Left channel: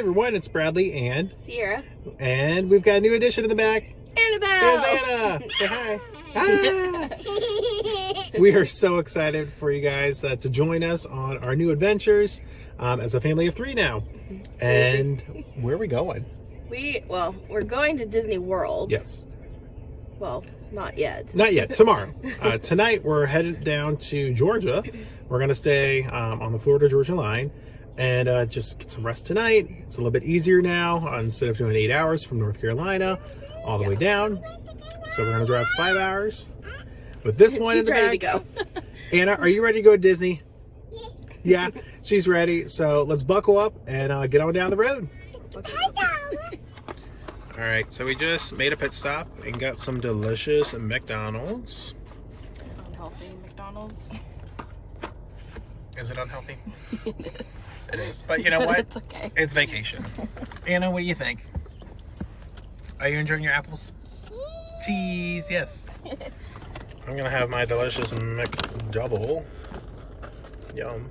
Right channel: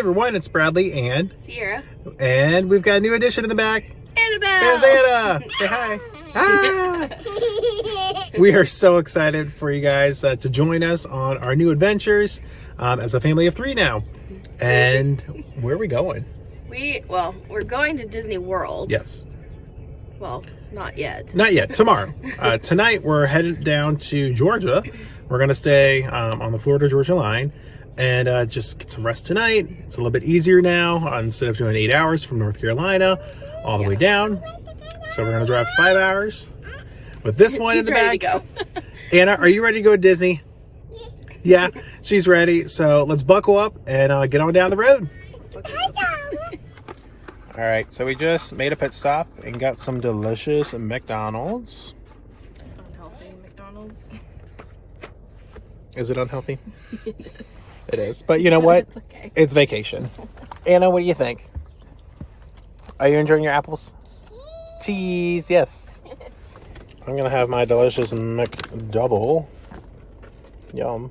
everyone, it's Bradley and Sierra. And we've got a new addition in the back. Annabelle! There's Anna! Say hi. Hi! We are so excited for you guys to join us on our new adventures as a family of 3 now. And where are we going? We're going to Disney World. Yes. Well, not yet. Not yet. Tomorrow. Tonight we're headed down to Georgia. We're going to stay on the Florida-Georgia line and just get some rest tonight. It's a little bit easier now instead of doing 8 hours from North Carolina all the way down. So we're going to drive 5 hours with this one in the back. She's ready to go. Anna, are you ready to go to Disney? Yeah, she's ready. So let's buckle up and get on down the road. All right, so we just made a pit stop and got some delicious McDonald's. Unhealthy McDonald's. Is it unhealthy? It is. It is. But you know what? It's okay. It's vacation. Anna, what do you think? Are you enjoying your apples? Cheese, yes. I'm going to have my delicious McDouble. Yum.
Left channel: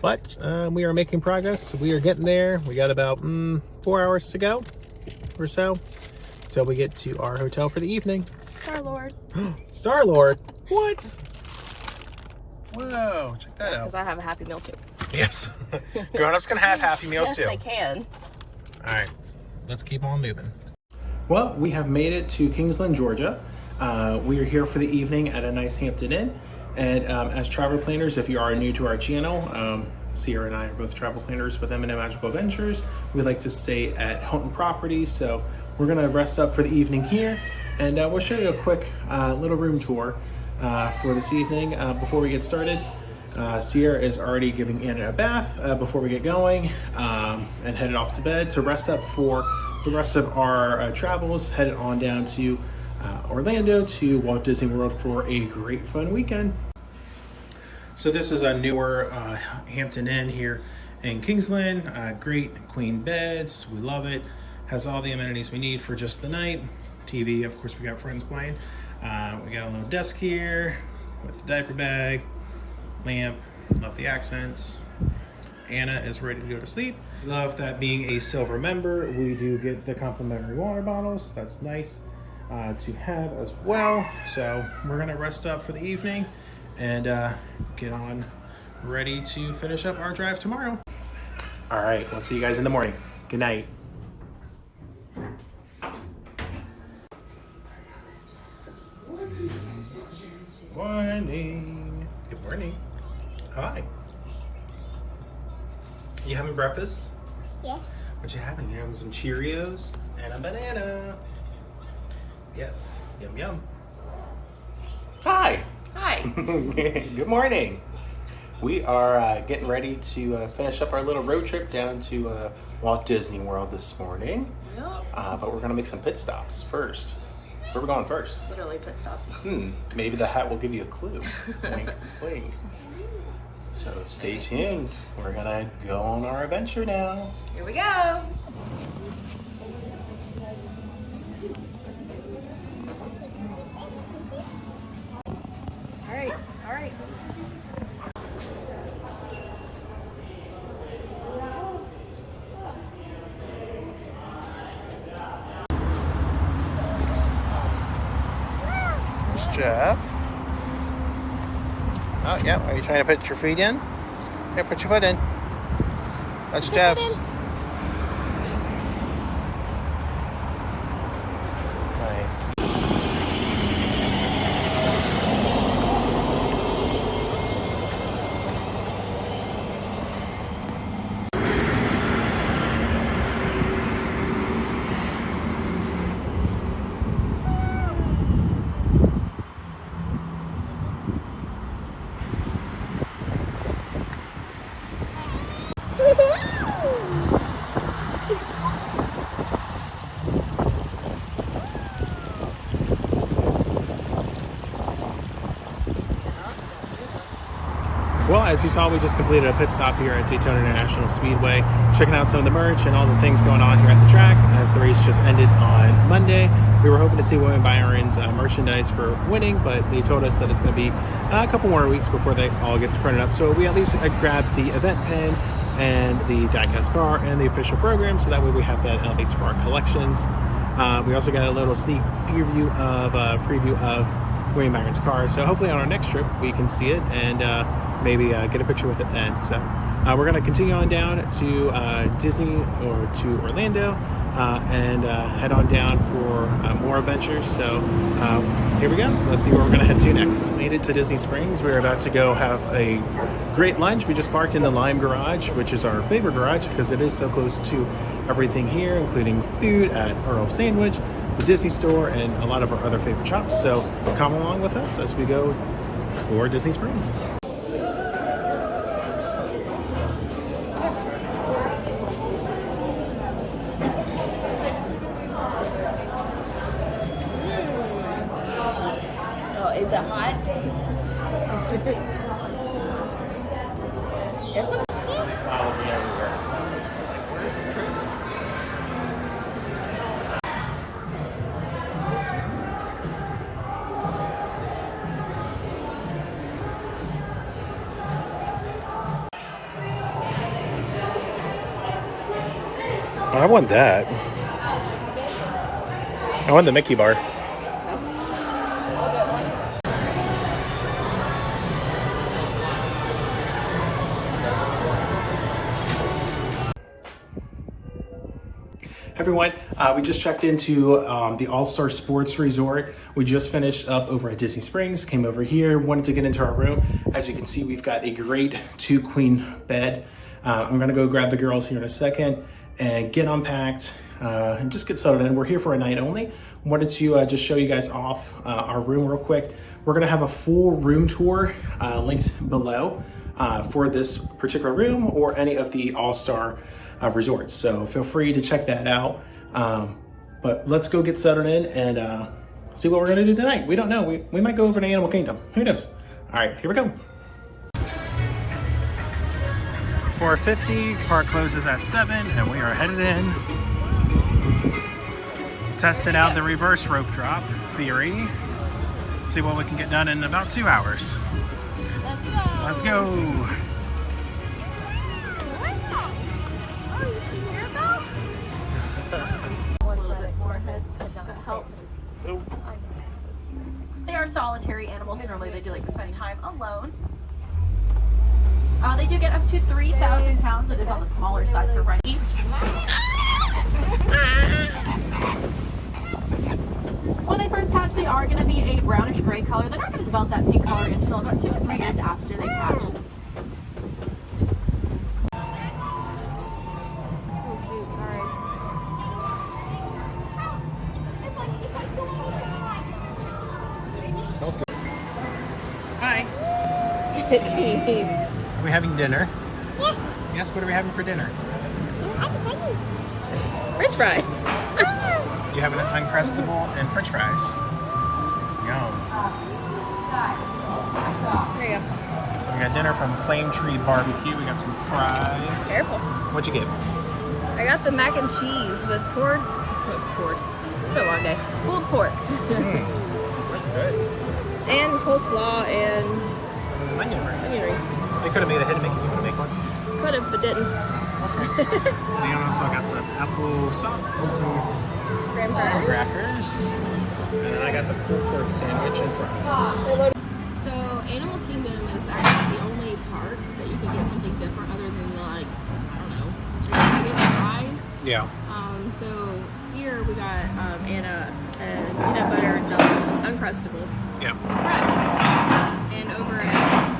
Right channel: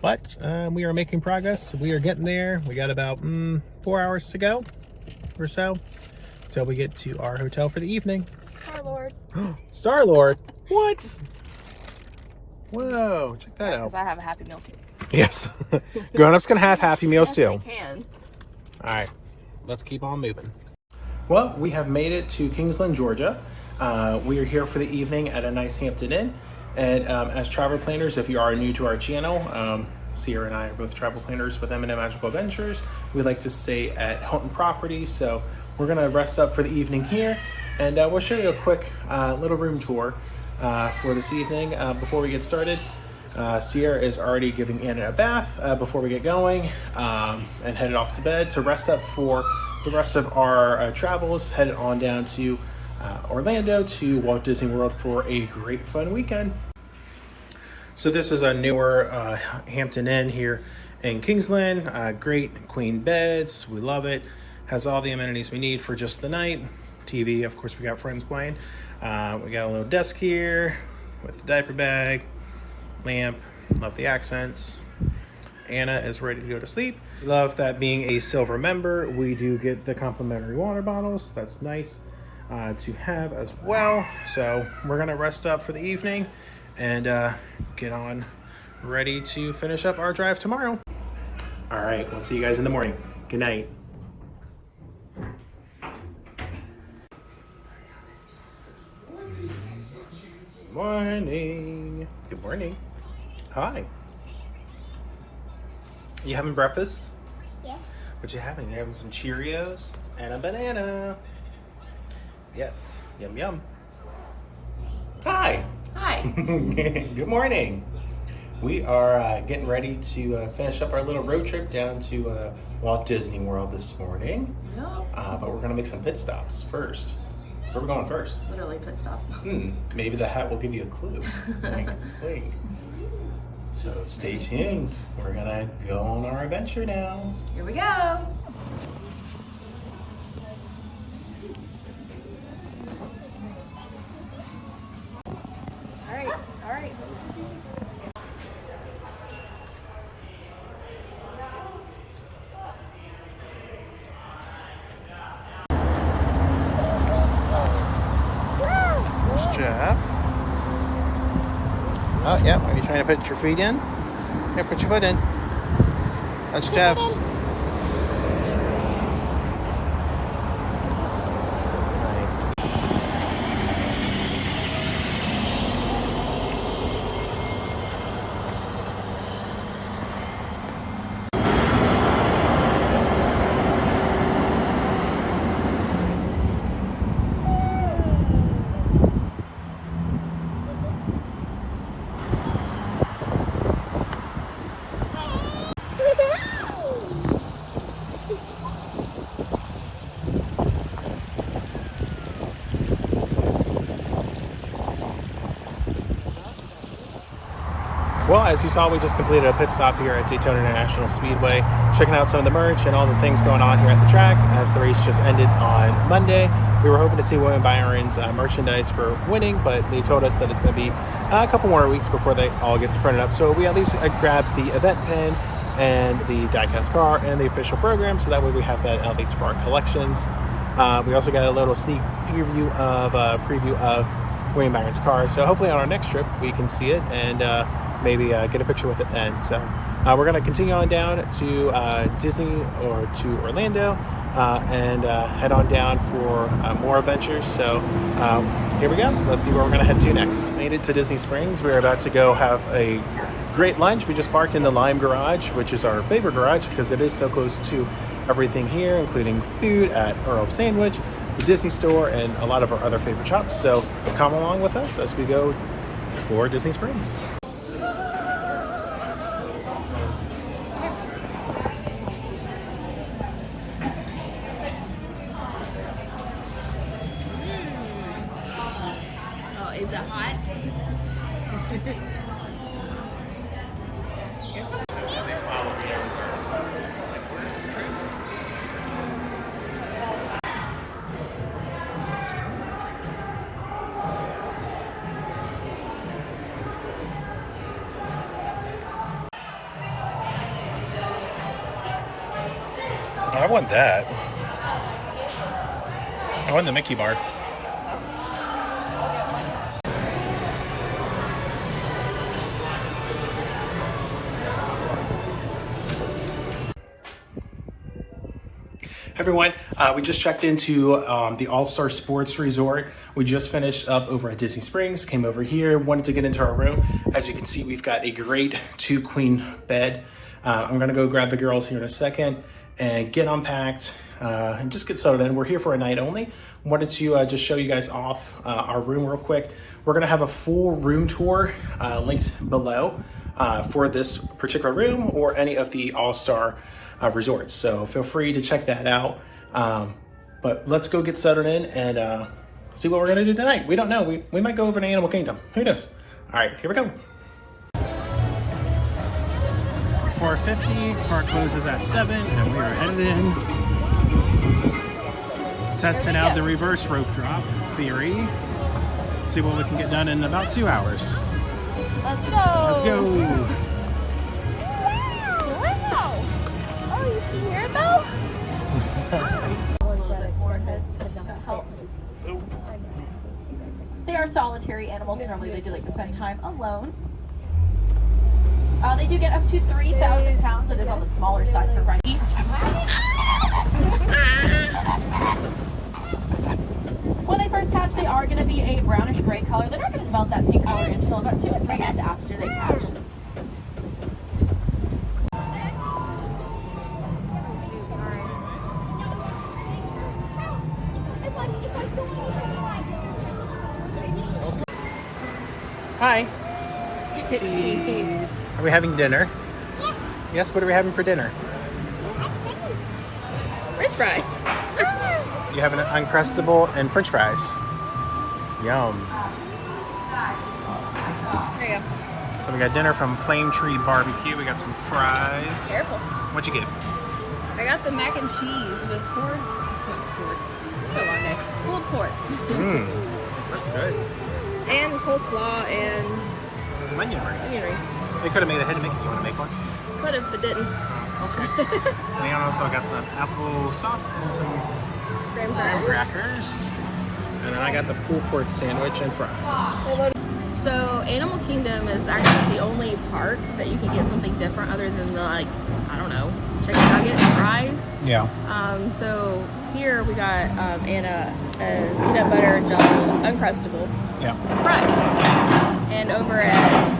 But we are making progress. We are getting there. We got about 4 hours to go or so until we get to our hotel for the evening. Star-Lord. Star-Lord? What? Whoa, check that out. Because I have a Happy Meal too. Yes. Grown-ups can have Happy Meals too. Yes, they can. All right, let's keep on moving. Well, we have made it to Kingsland, Georgia. We are here for the evening at a nice Hampton Inn. And as travel planners, if you are new to our channel, Sierra and I are both travel planners with M&M Magical Adventures. We like to stay at Hilton Properties, so we're gonna rest up for the evening here. And we'll show you a quick little room tour for this evening. Before we get started, Sierra is already giving Anna a bath before we get going and headed off to bed to rest up for the rest of our travels, headed on down to Orlando to Walt Disney World for a great fun weekend. So this is a newer Hampton Inn here in Kingsland. Great queen beds, we love it. Has all the amenities we need for just the night. TV, of course, we got friends playing. We got a little desk here with the diaper bag, lamp, love the accents. Anna is ready to go to sleep. Love that being a silver member, we do get the complimentary water bottles. That's nice to have as well. So we're gonna rest up for the evening and get on ready to finish up our drive tomorrow. All right, we'll see you guys in the morning. Good night. Morning. Good morning. Hi. You having breakfast? Yeah. What you having? You having some Cheerios and a banana. Yes. Yum, yum. Hi. Hi. Good morning. We are getting ready to finish up our little road trip down to Walt Disney World this morning. Yep. But we're going to make some pit stops first. Where are we going first? Literally pit stop. Maybe the hat will give you a clue. Wink, wink. So stay tuned. We're going to go on our adventure now. Here we go. Jeff. Oh, yeah. Are you trying to put your feet in? Here, put your foot in. That's Jeff's. Right. Well, as you saw, we just completed a pit stop here at Daytona International Speedway, checking out some of the merch and all the things going on here at the track as the race just ended on Monday. We were hoping to see William Byron's merchandise for winning, but they told us that it's going to be a couple more weeks before that all gets printed up. So we at least grabbed the event pin and the diecast car and the official program, so that way we have that at least for our collections. We also got a little sneak preview of William Byron's car, so hopefully on our next trip we can see it and maybe get a picture with it then. So we're going to continue on down to Disney or to Orlando and head on down for more adventures. So here we go. Let's see where we're going to head to next. Made it to Disney Springs. We're about to go have a great lunch. We just parked in the Lime Garage, which is our favorite garage because it is so close to everything here, including food at Earl Sandwich, the Disney Store, and a lot of our other favorite shops. So come along with us as we go explore Disney Springs. Is it hot? It's okay. I want that. I want the Mickey bar. Everyone, we just checked into the All-Star Sports Resort. We just finished up over at Disney Springs, came over here, wanted to get into our room. As you can see, we've got a great 2-queen bed. I'm gonna go grab the girls here in a second and get unpacked and just get settled in. We're here for a night only. Wanted to just show you guys off our room real quick. We're gonna have a full room tour linked below for this particular room or any of the All-Star resorts. So feel free to check that out. But let's go get settled in and see what we're gonna do tonight. We don't know. We might go over to Animal Kingdom. Who knows? All right, here we go. 4:50, park closes at 7 and we are headed in. Testing out the reverse rope drop theory. See what we can get done in about 2 hours. Let's go. Let's go. They are solitary animals. Normally they do like to spend time alone. They do get up to 3,000 pounds. It is on the smaller side for running. When they first hatch, they are going to be a brownish gray color. They're not going to develop that pink color until about 2 to 3 years after they hatch. Hi. Jeez. Are we having dinner? Yeah. Yes, what are we having for dinner? French fries. You have an Uncrustable and French fries. Yum. There you go. So we got dinner from Flame Tree Barbecue. We got some fries. Careful. What'd you get? I got the mac and cheese with pork. It's been a long day. Pulled pork. That's good. And coleslaw and There's some onion rings. onion rings. You could have made a hidden Mickey. You want to make one? Could have, but didn't. And also got some apple sauce and some Graham crackers. And then I got the pulled pork sandwich and fries. So Animal Kingdom is actually the only park that you can get something different other than the, like, I don't know, chicken nuggets, fries. Yeah. So here we got Anna and peanut butter and jelly Uncrustable Yeah. fries. And over at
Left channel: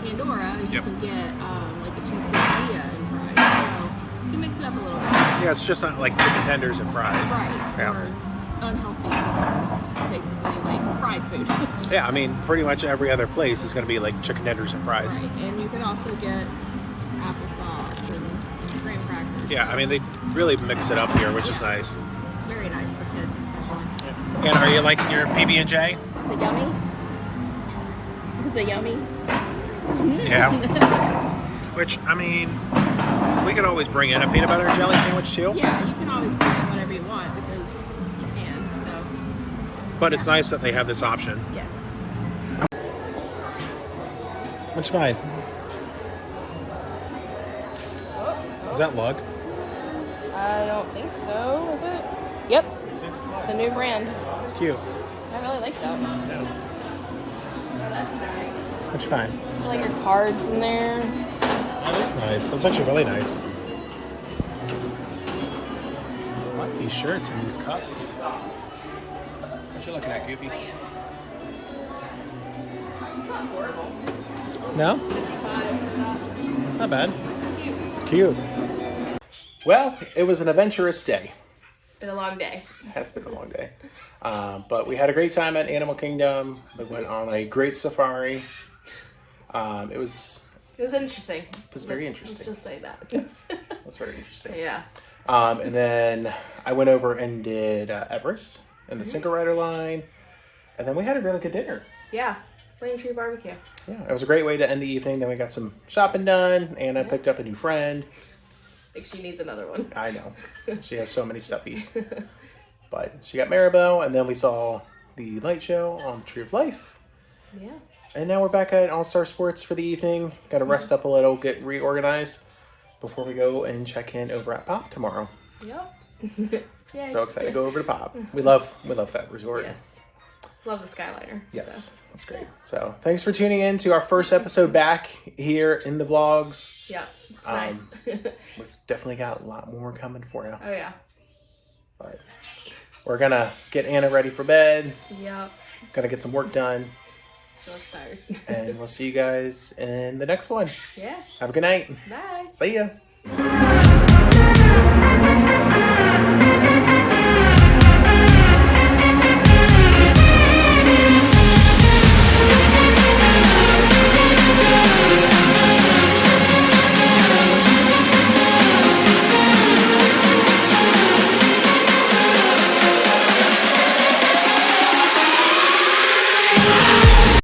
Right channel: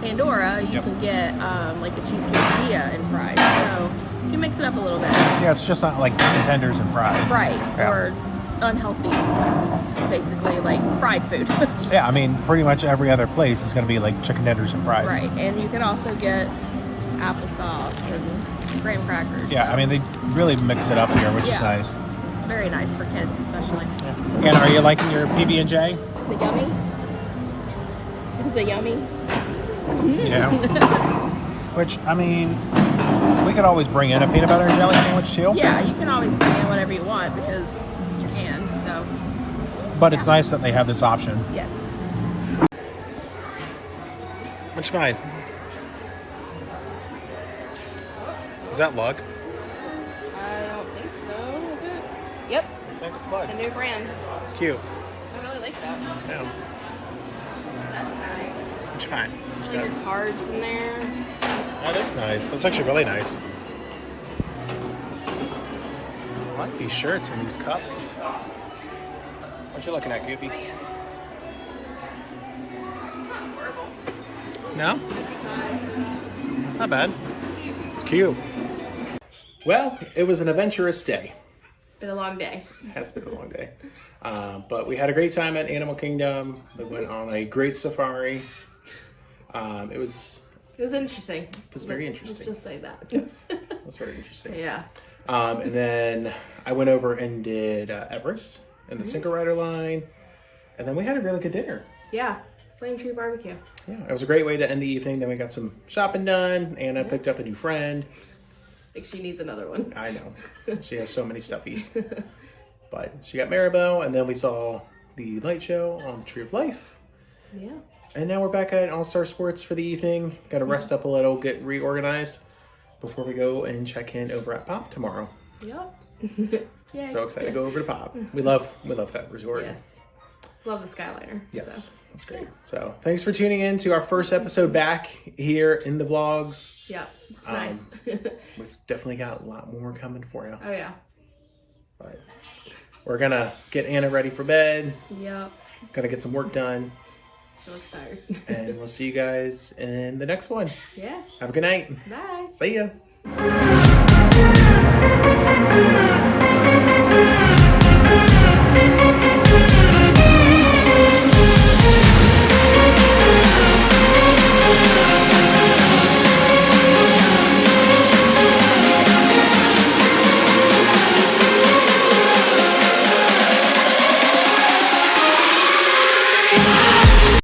Pandora, you can get like a cheese quesadilla and fries. So you can mix it up a little bit. Yeah, it's just not like chicken tenders and fries. Right. Yeah. Or unhealthy, basically, like fried food. Yeah, I mean, pretty much every other place is going to be like chicken tenders and fries. Right. And you can also get applesauce and graham crackers. Yeah, so I mean, they really mixed it up here, which is nice. It's very nice for kids, especially. And are you liking your PB&J? Is it yummy? Is it yummy? Yeah. Which, I mean, we could always bring in a peanut butter and jelly sandwich too. Yeah, you can always bring in whatever you want because you can, so. But it's nice that they have this option. Yes. Which fine. Is that Lug? I don't think so, is it? Yep. I think it's Lug. The new brand. It's cute. I really like you. Yeah. That's nice. Which kind? I like your cards in there. That is nice. That's actually really nice. I like these shirts and these cups. What you looking at, Goofy? No? It's not bad. It's cute. Well, it was an adventurous day. Been a long day. It has been a long day. But we had a great time at Animal Kingdom. We went on a great safari. It was interesting. It was very interesting. Let's just say that. Yes, it was very interesting. Yeah. And then I went over and did Everest and the Single Rider line. And then we had a really good dinner. Yeah. Flame Tree Barbecue. Yeah, it was a great way to end the evening. Then we got some shopping done. Anna picked up a new friend. I think she needs another one. I know. She has so many stuffies. But she got Maribel, and then we saw the light show on the Tree of Life. Yeah. And now we're back at All-Star Sports for the evening. Got to rest up a little, get reorganized before we go and check in over at Pop tomorrow. Yep. Yay. So excited to go over to Pop. We love that resort. Yes. Love the Skyliner. Yes, So. that's great. So thanks for tuning in to our first episode back here in the vlogs. Yeah, it's nice. We've definitely got a lot more coming for you. Oh, yeah. But we're going to get Anna ready for bed. Yep. Gonna get some work done. She looks tired. And we'll see you guys in the next one. Yeah. Have a good night. Bye. See ya.